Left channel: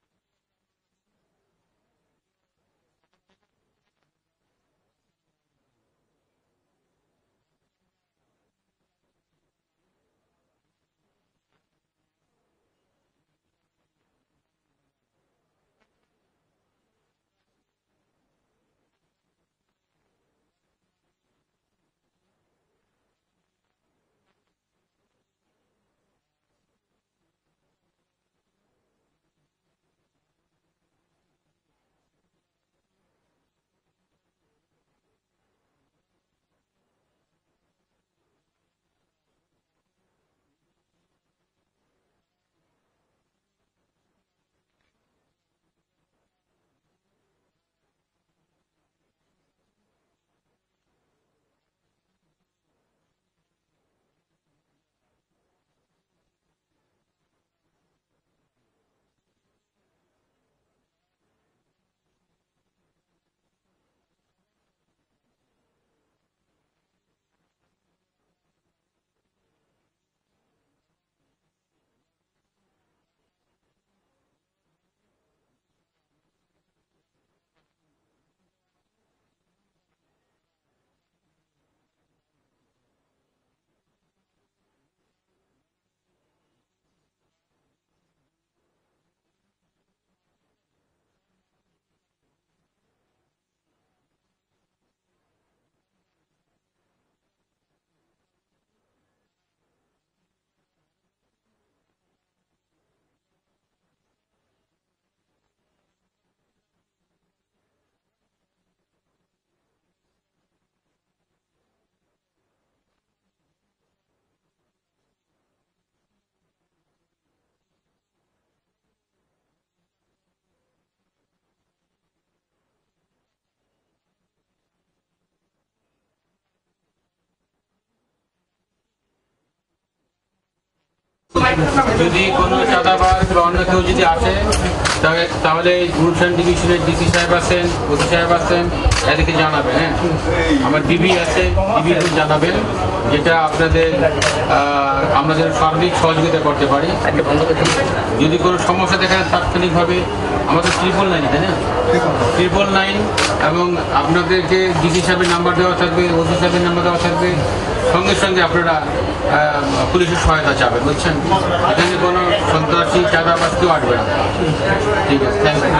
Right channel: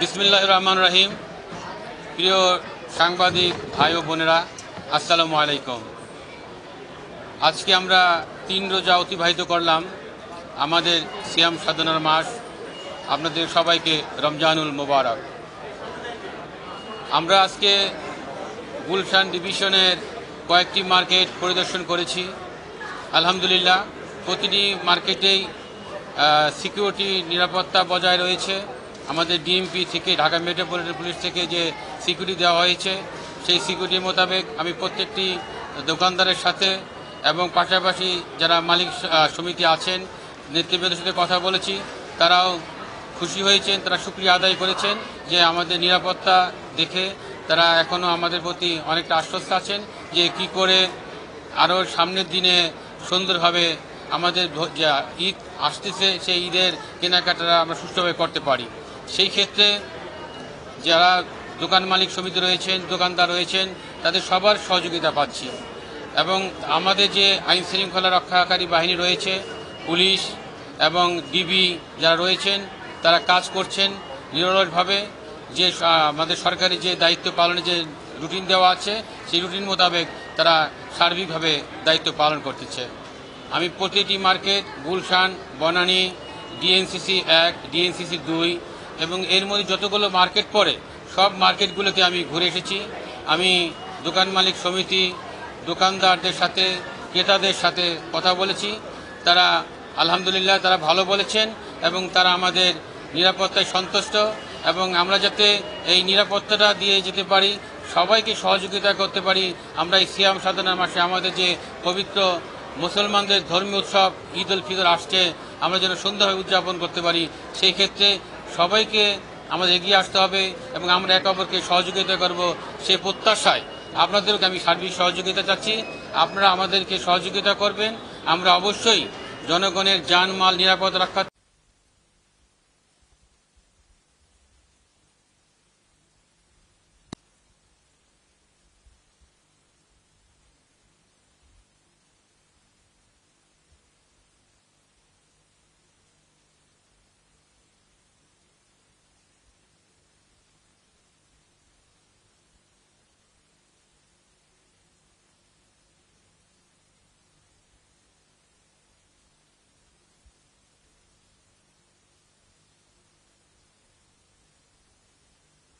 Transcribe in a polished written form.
বিসমিল্লাহির রহমানির রহিম। প্রিয় সাংবাদিক ভাই ও বোনেরা, আসসালামু আলাইকুম। আজকে আমরা 3 রোজা অতিবাহিত করলাম, আমাদের সিয়াম সাধনার মাস। আপনাদের সবাইকে রমজানুল মোবারক। আমরা আজকে গুলশান ডিভিশনের কয়েকটি মার্কেট পরিদর্শন করেছি। আলহামদুলিল্লাহ, প্রতিটি মার্কেটেই সিকিউরিটি নিরাপত্তা বজায় রয়েছে। আমাদের ডিএমপি থেকে, ঢাকা মেট্রোপলিটন পুলিশ থেকে যে সিকিউরিটি দেওয়া হয়েছে, সেই সিকিউরিটি মোতাবেক আমি প্রত্যেকটি দোকানদারের সাথে এবং পাশাপাশি যারা মালিক সমিতি আছেন, নেতৃবৃন্দের সাথে কথা বলেছি। তারাও খুশি হয়েছেন, তারা শুকরিয়া আদায় করেছেন যে আমাদের নিরাপত্তা দেখে তারা এখনও আমাদের প্রতি অনেকটা আশ্বস্ত আছেন যে কি করে আরও সামনের দিনে সুন্দরভাবে আমাদের যা ঈদ আসতেছে, সেই ঈদের কেনাকাটা আমরা সুষ্ঠুভাবে করতে পারি। সেই ক্ষেত্রে যারা দোকান মালিক সমিতি রয়েছেন, দোকানদার রয়েছেন, তাদের সবার সহযোগিতা পাচ্ছি। এবং আমাদের যে আইন শৃঙ্খলা রক্ষাকারী বাহিনী রয়েছে, পুলিশ এবং ডিবি যারা রয়েছেন, তারা কাজ করছেন নিরলসভাবে। যে আমাদের সরকারি যে দায়িত্ব পালনের যে রুটিন দেওয়া আছে, সেই রুটিন মোতাবেক তারা সার্বিকভাবে দায়িত্ব পালন করতেছে। আমি প্রতিটি market, Gulshan, Banani, DNCC 1, DNCC 2 এবং এর মধ্যে যতগুলো মার্কেট পড়ে সব মার্কেটগুলোতে আমি ঘুরে এসেছি। আমি দোকান মালিক সমিতি, দোকানদারদের সাথে, ক্রেতাদের সাথে কথা বলেছি। তারা আলহামদুলিল্লাহ তারা ভালো বলেছেন এবং তারা আমাদের নিরাপত্তায় সন্তুষ্ট এবং আমরা যাতে এই নিরাপত্তাটা দিয়ে যেতে পারি, সবাইকে সহযোগিতা করতে পারি। আমরা এই সিয়াম সাধনার মাসে আমাদের যে পবিত্র মুসলমানদের ধর্মীয় উৎসব ঈদ উল ফিতর আসছে, আমরা যেন সুন্দরভাবে উদযাপন করতে পারি, সেই ক্ষেত্রে সবাইকে আমাদের এগিয়ে আসতে হবে এবং আমরা একে অপরকে সহযোগিতা করব, সেই প্রত্যাশায় আপনাদেরকে আমি সার্বিক সহযোগিতা চাচ্ছি। আপনারা আমাদেরকে সহযোগিতা করবেন। আমরা অবশ্যই জনগণের জানমাল নিরাপদ রক্ষা। যদি কোনো চাঁদাবাজ বা অন্য কেউ যদি আসে, তাহলে গুলশান ডিভিশনের ডিসি সাহেব আছেন, ওসি সাহেব আছেন, এদেরকে জানাবেন। হ্যাঁ, আমার ডিবি আছে, ডিবিকে জানাবেন, যেটা আমাদের সার্বিক সহযোগিতা করতে পারি। যদি কোনো সমস্যা দেখা যায় তাৎক্ষণিকভাবে আমাদের 999, তাই না, 999, এবং আপনাদেরকে ডিসি সাহেবের নাম্বার দেওয়া থাকবে, ওসি সাহেবের নাম্বার দেওয়া থাকবে। সঙ্গে সঙ্গে আপনারা পুলিশের সহায়তা চাবেন, বুঝছেন। এখানে কোনো সন্ত্রাসী চাঁদাবাজ কেউ আসবে না। ঠিক আছে, থ্যাংক ইউ।